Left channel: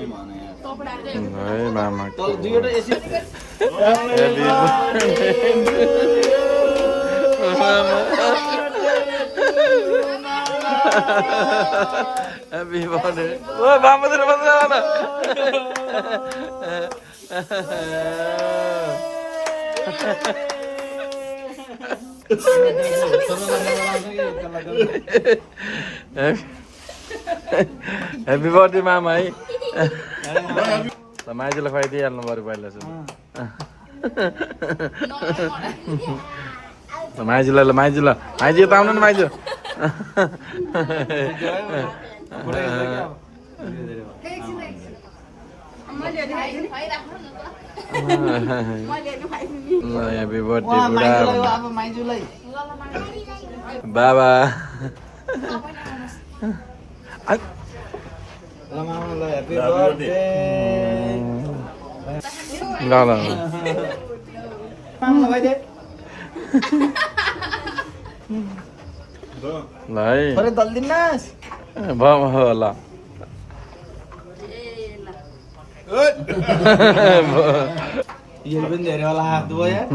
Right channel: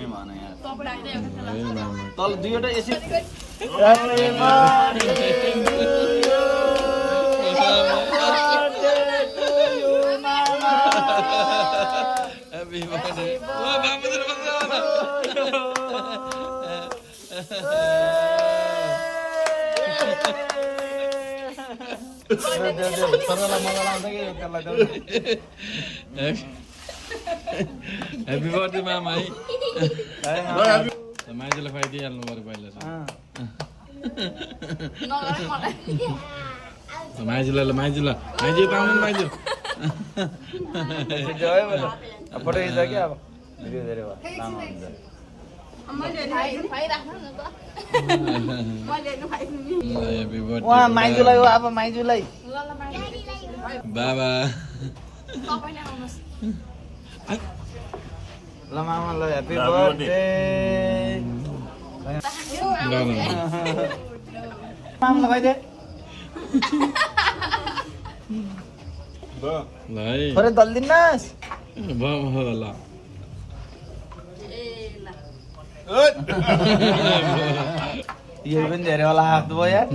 पनि भन यार है मामा तल दुईवटा AC Happy birthday. Wah, Mama terus mana? Happy birthday Mama. Sama aja lah Faidi yang nomor balas. Sama aja lah, maju lah. Maju tahun ini maju. Happy birthday. Baba. Happy birthday. Enggak lah. Lai. Sore daldin nas. Bam होला. यो पनि धेरै होला हात भयो यार